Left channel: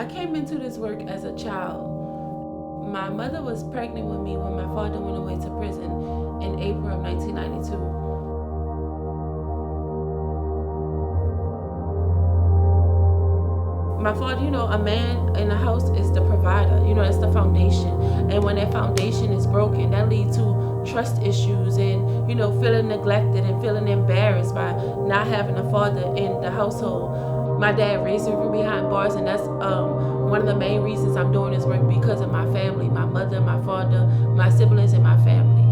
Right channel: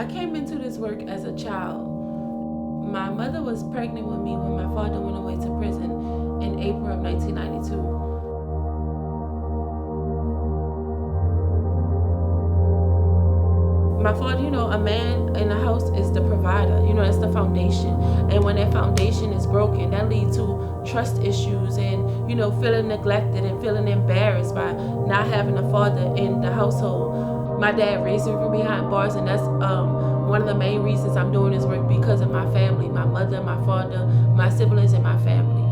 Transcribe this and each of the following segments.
I came into this work as a child. My mother was pregnant with me when my father went away to prison in April of 1992. My father, a man in the house is the provider. That's the foundation. And when that foundation is broken, that leads to trust issues and, feeling neglected and feeling embarrassed by not having a father in the household. My dad raised me from behind bars, and that's one of the main reasons I'm doing this work, because of my family, my mother, my father, my siblings, and my family.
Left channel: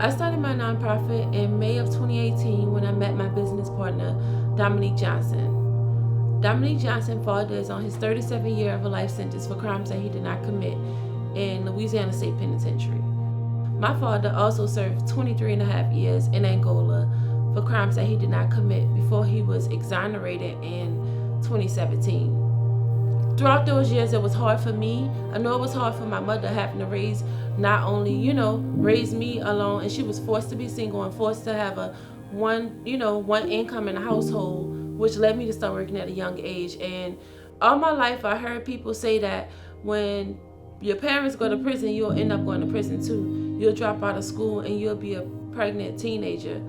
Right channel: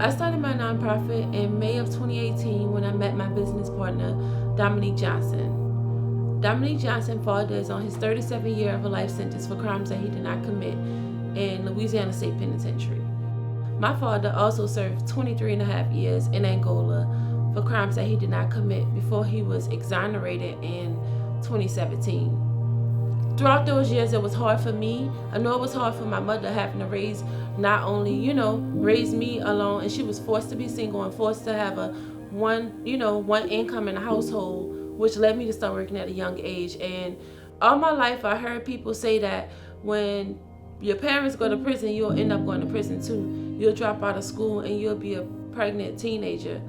I started my nonprofit in May of 2018 when I met my business partner, Dominique Johnson. Dominique Johnson's father is on his 37th year of a life sentence for crimes that he did not commit in Louisiana State Penitentiary. My father also served 23 and a half years in Angola for crimes that he did not commit before he was exonerated in 2017. Throughout those years, it was hard for me. I know it was hard for my mother, having to raise, not only, raise me alone, and she was forced to be single and forced to have one income in the household, which led me to start working at a young age. And all my life, I heard people say that when your parents go to prison, you'll end up going to prison too. You'll drop out of school and you'll be a pregnant teenager.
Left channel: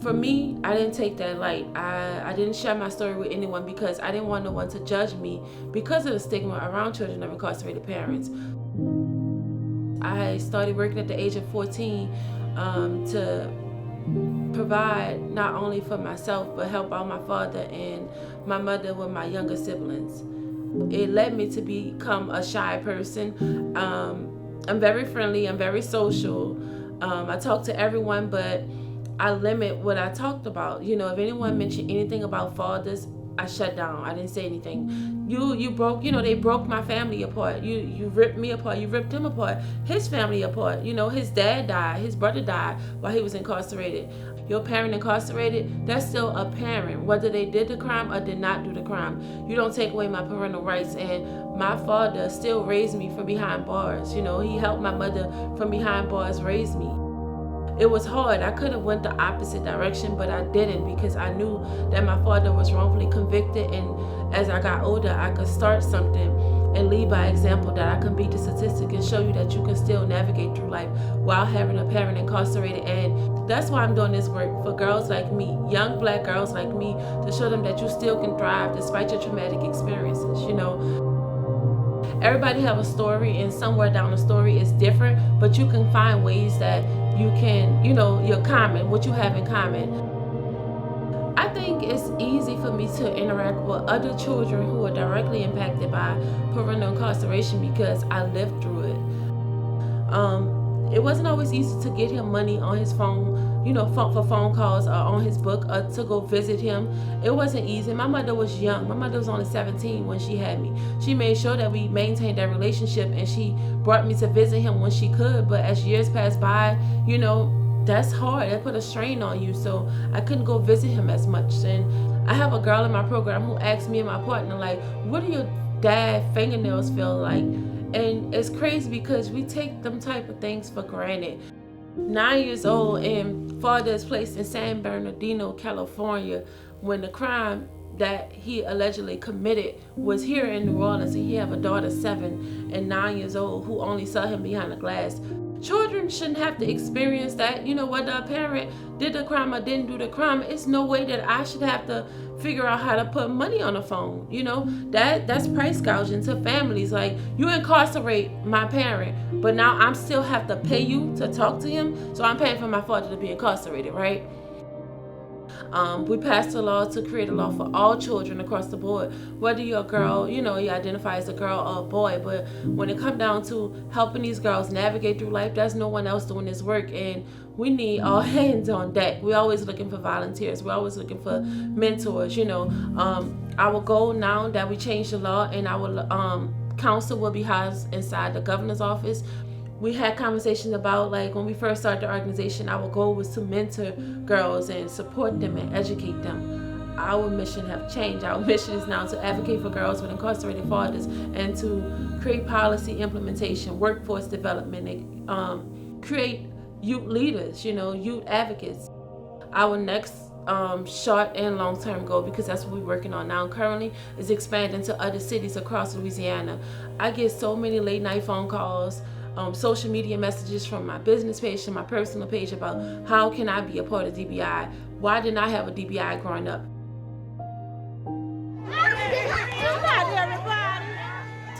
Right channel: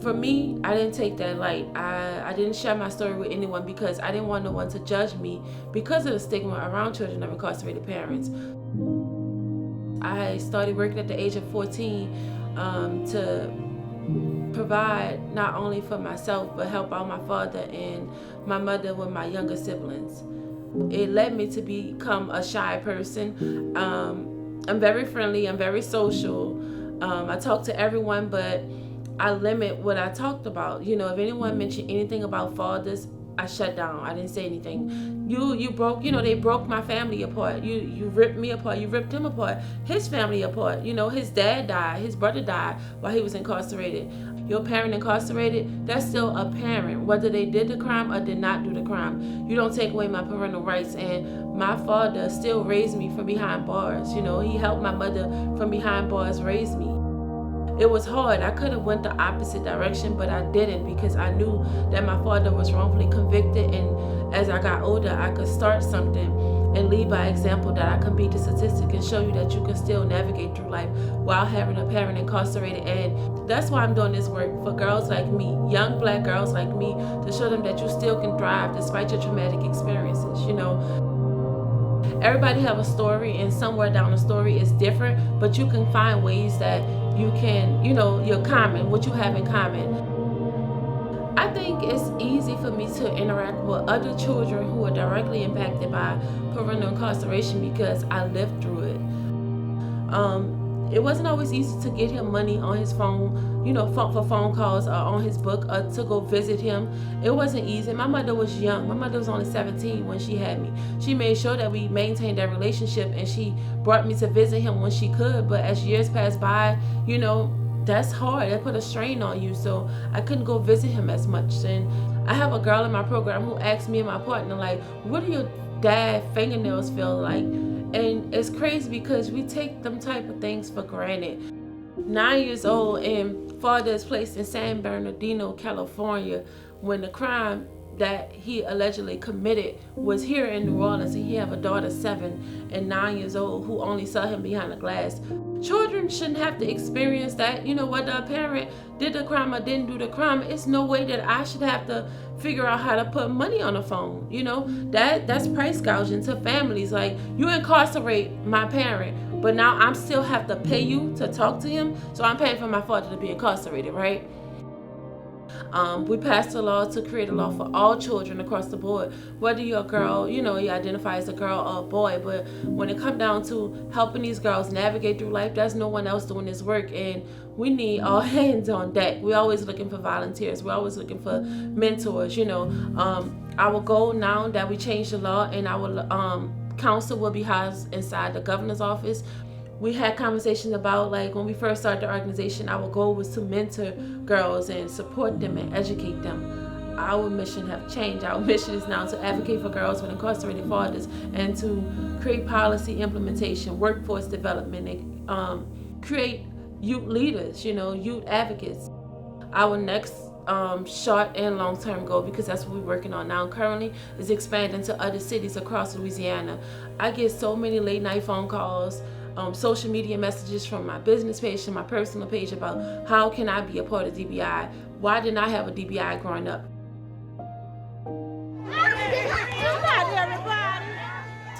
For me, I didn't take that light. I didn't share my story with anyone because I didn't want no one to judge me because of the stigma around children of incarcerated parents. I started working at the age of 14 to provide not only for myself, but help out my father and my mother with my younger siblings. It led me to become a shy person. I'm very friendly, I'm very social. I talk to everyone, but I limit what I talked about. If anyone mentioned anything about fathers, I shut down. I didn't say anything. You broke, they broke my family apart. You ripped me apart. You ripped him apart. His family apart. His dad died. His brother died while he was incarcerated. Your parent incarcerated, that's still a parent, whether they did the crime or did not do the crime. You don't take away my parental rights. And my father still raised me from behind bars. He helped my mother from behind bars raise me. It was hard. I could have went the opposite direction, but I didn't, because I knew that my father was wrongfully convicted, and as I got older, I could start something and lead by example, that I can beat the statistic and show you that you can still navigate through life while having a parent incarcerated. And that's why I'm doing this work, for girls like me, young Black girls like me, to show them that you still can thrive despite your traumatic experiences. Everybody have a story, and somewhere down the story is different, but you can find ways that you can, you're common, what you have in common. I think it's easy for me to interact with other children who are directly impacted by parental incarceration because I lived through it. It wasn't always easy to get him money on his phone, for phone calls or on his book, or to go visit him. It wasn't easy. My mother was young. My mother was only 17 when she had me. She made sure that we maintained that relationship, and she brought me to visit him when she could. But as years passed by, that's hard. That put a strain on you. So I couldn't go visit him as much. And I have a girl in my program who asked me and my partner, like, what do your dad fingernails feel like? And it's crazy because we take them type of things for granted. 9 years old, and father is placed in San Bernardino, California, when the crime that he allegedly committed was here in New Orleans, and he have a daughter 7 and 9 years old who only saw him behind the glass. Children shouldn't have to experience that. Whether a parent did the crime or didn't do the crime, it's no way that I should have to figure out how to put money on the phone. That's price gouging to families. Like, you incarcerate my parent, but now I'm still have to pay you to talk to him, so I'm paying for my father to be incarcerated, right? We passed a law to create a law for all children across the board, whether you're a girl, you identify as a girl or a boy. But when it comes down to helping these girls navigate through life, there's no one else doing this work, and we need all hands on deck. We're always looking for volunteers. We're always looking for mentors. Our goal now that we changed the law, and our council will be housed inside the governor's office. We had conversations about, like, when we first started the organization, our goal was to mentor girls and support them and educate them. our mission have changed. Our mission is now to advocate for girls with incarcerated fathers and to create policy implementation, workforce development, and create youth leaders, youth advocates. Our next short and long-term goal, because that's what we're working on now currently, is expanding to other cities across Louisiana. I get so many late night phone calls, social media messages from my business page to my personal page about how can I be a part of DBI? Why didn't I have a DBI growing up?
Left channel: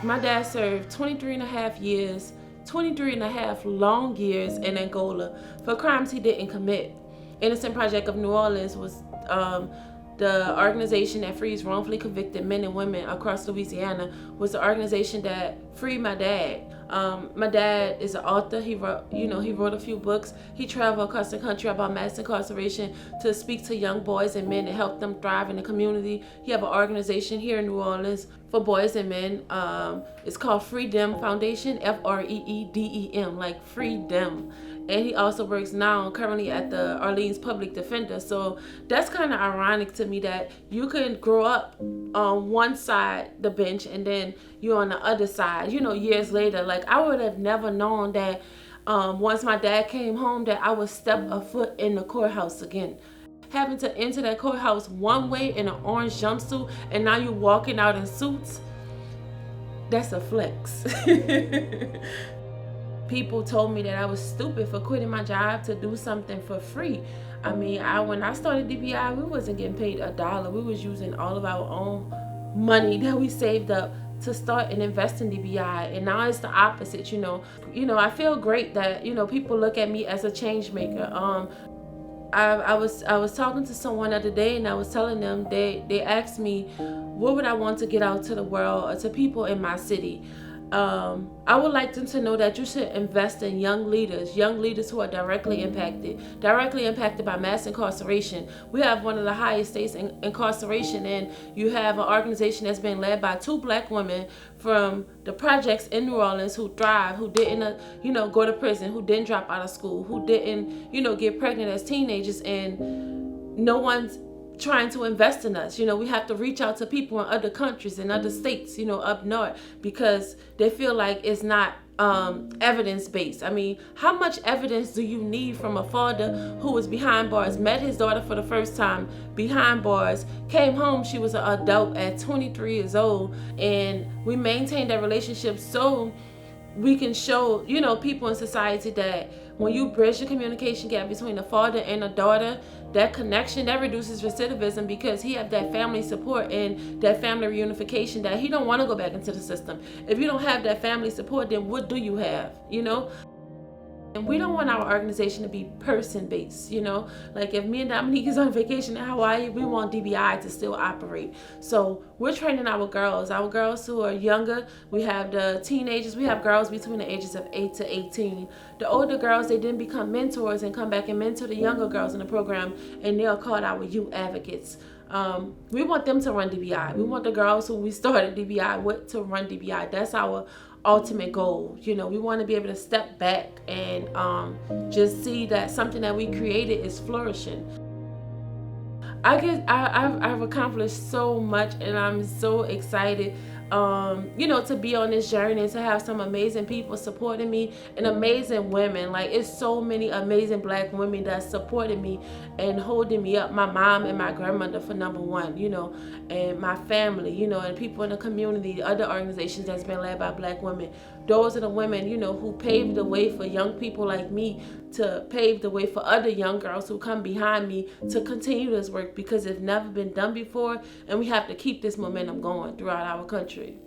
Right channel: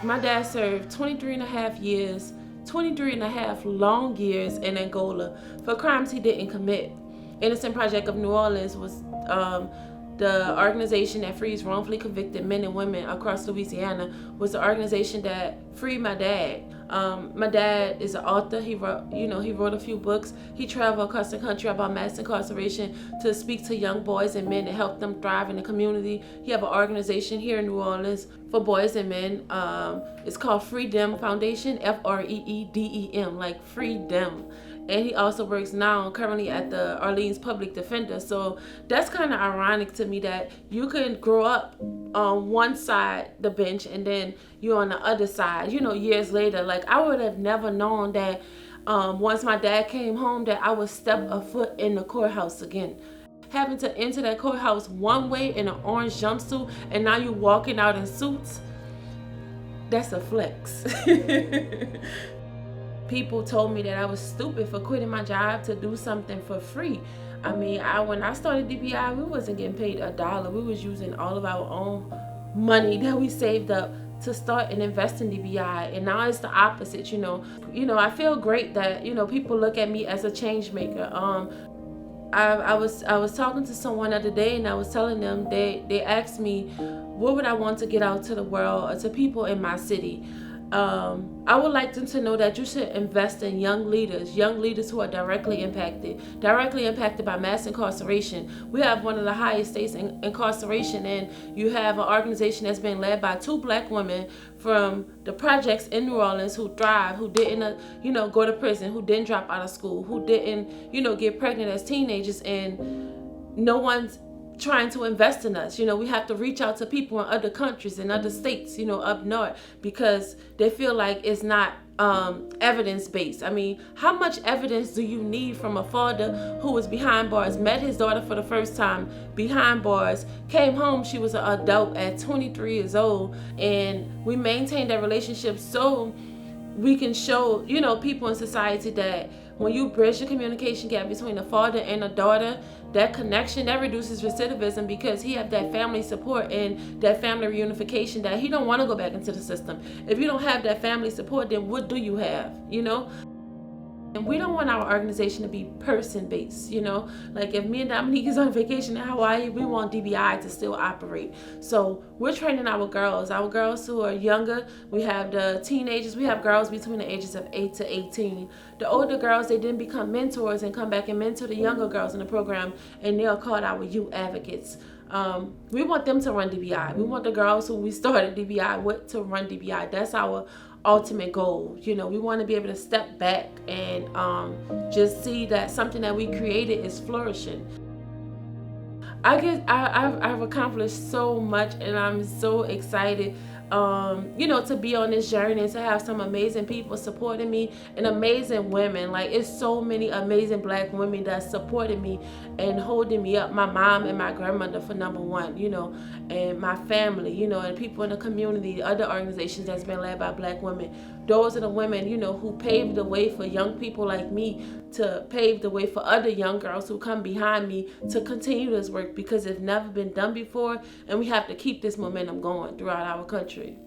My dad served 23 and a half years, 23 and a half long years in Angola for crimes he didn't commit. Innocence Project of New Orleans was the organization that frees wrongfully convicted men and women across Louisiana, was the organization that freed my dad. My dad is an author. He wrote a few books. He traveled across the country about mass incarceration to speak to young boys and men and help them thrive in the community. He have an organization here in New Orleans for boys and men. It's called Freedom Foundation, FREEDEM, like freedom. And he also works now currently at the Orleans Public Defender. So that's kind of ironic to me that you can grow up on one side the bench and then you're on the other side, years later. Like, I would have never known that once my dad came home that I would step a foot in the courthouse again. Having to enter that courthouse one way in an orange jumpsuit and now you're walking out in suits, that's a flex. People told me that I was stupid for quitting my job to do something for free. I mean, when I started DBI, we wasn't getting paid $1. We was using all of our own money that we saved up to start and invest in DBI. And now it's the opposite, I feel great that, people look at me as a change maker. I was talking to someone the other day and I was telling them, they asked me, what would I want to get out to the world or to people in my city? I would like them to know that you should invest in young leaders who are directly impacted by mass incarceration. We have one of the highest states in incarceration, and you have an organization that's been led by 2 black women from the projects in New Orleans who thrive, who didn't, go to prison, who didn't drop out of school, who didn't, get pregnant as teenagers, and no one's trying to invest in us. We have to reach out to people in other countries and other states, up north, because they feel like it's not evidence-based. I mean, how much evidence do you need from a father who was behind bars, met his daughter for the first time behind bars, came home, she was an adult at 23 years old, and we maintained that relationship so we can show, people in society that when you bridge the communication gap between a father and a daughter, that connection, that reduces recidivism, because he have that family support and that family reunification that he don't want to go back into the system. If you don't have that family support, then what do you have, And we don't want our organization to be person-based, Like, if me and Dominique is on vacation in Hawaii, we want DBI to still operate. So we're training our girls who are younger. We have the teenagers. We have girls between the ages of 8 to 18. The older girls, they then become mentors and come back and mentor the younger girls in the program, and they are called our youth advocates. We want them to run DBI. We want the girls who we started DBI with to run DBI. That's our ultimate goal. We want to be able to step back and just see that something that we created is flourishing. I've accomplished so much, and I'm so excited to be on this journey and to have some amazing people supporting me, and amazing women. Like, it's so many amazing black women that supported me and holding me up. My mom and my grandmother, for number one, and my family, and people in the community, other organizations that's been led by black women. Those are the women, who paved the way for young people like me to pave the way for other young girls who come behind me to continue this work, because it's never been done before, and we have to keep this momentum going throughout our country.